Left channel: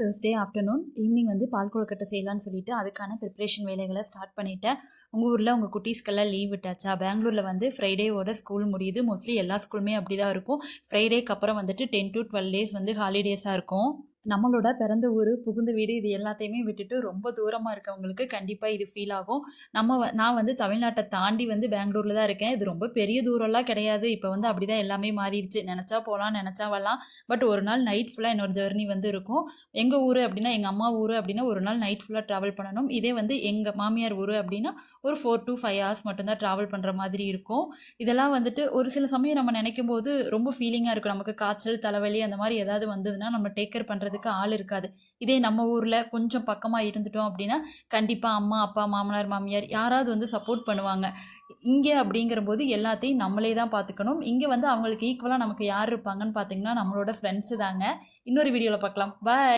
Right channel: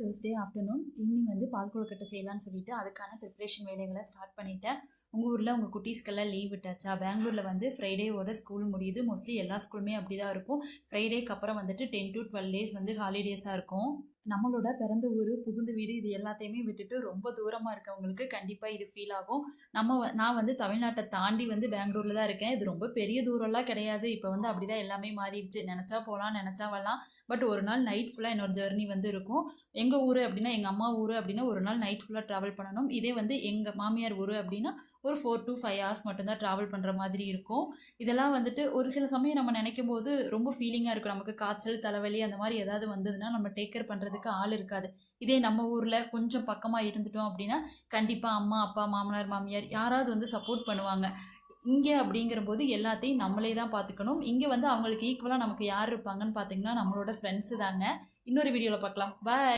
Thursday afternoon evening வந்து பால் கொழுக்கட்டை செய்யலான்னு சொல்லிட்டு அதுக்கான ப்ரிப்ரேஷன் வேலைகளை ஸ்டார்ட் பண்ணிட்டேன். உங்கள் ஊரில் உங்கள் குட்டீஸ்க்கெல்லாம் லீவ் விட்டாச்சா? பெங்களூரில் வந்து ஃப்ரைடேவோட ஸ்கூல் முடியுது. மோஸ்ட்லி எல்லா ஸ்கூலுமே அப்படி தான் இருக்கும். ஃப்ரைடேக்கு அப்புறம் வந்துட்டு 10 to 12 டேஸ் வந்து ஹாலிடேஸாக இருக்கும். நம்மளோட பிறந்த ஊர், புகுந்த வீடு இது எல்லாத்தையுமே விட்டுட்டு ரொம்ப தூரமாக இருக்கவங்களுக்கு கண்டிப்பாக இது ஃபீல் ஆகும். நான் வந்து தமிழ்நாட்டை தாண்டி வந்து பெங்களூரில் தான் இருக்கேன். இது ரொம்ப பெரிய தூரம்லாம் கிடையாது. இப்போ வந்து அப்படி தான் எல்லாமே மாறிடுச்சு. நினச்சா போகலாம், நினச்சா வரலாம். பட் ஒரு நாள் நைட் ஃபுல்லாக என்னோட ஜர்னி வந்து இருக்கும். எங்கள் ஊர் அப்படின்னா, எங்கள் அம்மா ஊர் அப்படின்னா ஒரு நாள் நைட் ஃபுல்லாக ட்ராவல் பண்ணணும். இதே வந்து எங்கள் மாமியார் ஊர் அப்படின்னா ஒரு 4 to 5 ஹவர்ஸ் மட்டும்தான் ட்ராவல் பண்ணுற மாதிரி இருக்கும். இதெல்லாம் வந்துட்டு ஒரு சில சமயம் நம்ம நினைக்கும் போது ரொம்ப ஃபீலிங்காக இருக்கும். நமக்கு காய்ச்சல், தலைவலி அந்த மாதிரி ஏதாவது வந்ததுன்னா நம்ம டேக் கேர் பண்ணுறதுக்கு ஆள் இருக்காது. இதே நம்ம ஊரில் கொஞ்சம் பக்கமாக இருந்துட்டோம் அப்படின்னா கண்டிப்பாக அம்மா, அப்பா, மாமனார், மாமியார் யாராவது வந்து சப்போர்ட் பண்ணுவாங்க. இங்கே அப்படிங்கிறபோது எல்லாத்தையும் நம்மளே தான் பார்த்துக்கணும். இங்கே வந்து அவங்களுக்கு ஈக்குவலாக நமக்கு யார் இருப்பாங்கன்னு பார்த்தீங்கன்னா நம்மளோட ஃப்ரெண்ட்ஸு தாங்க. இன்னொரு வீடியோவில் பார்க்கலாம். பாய்.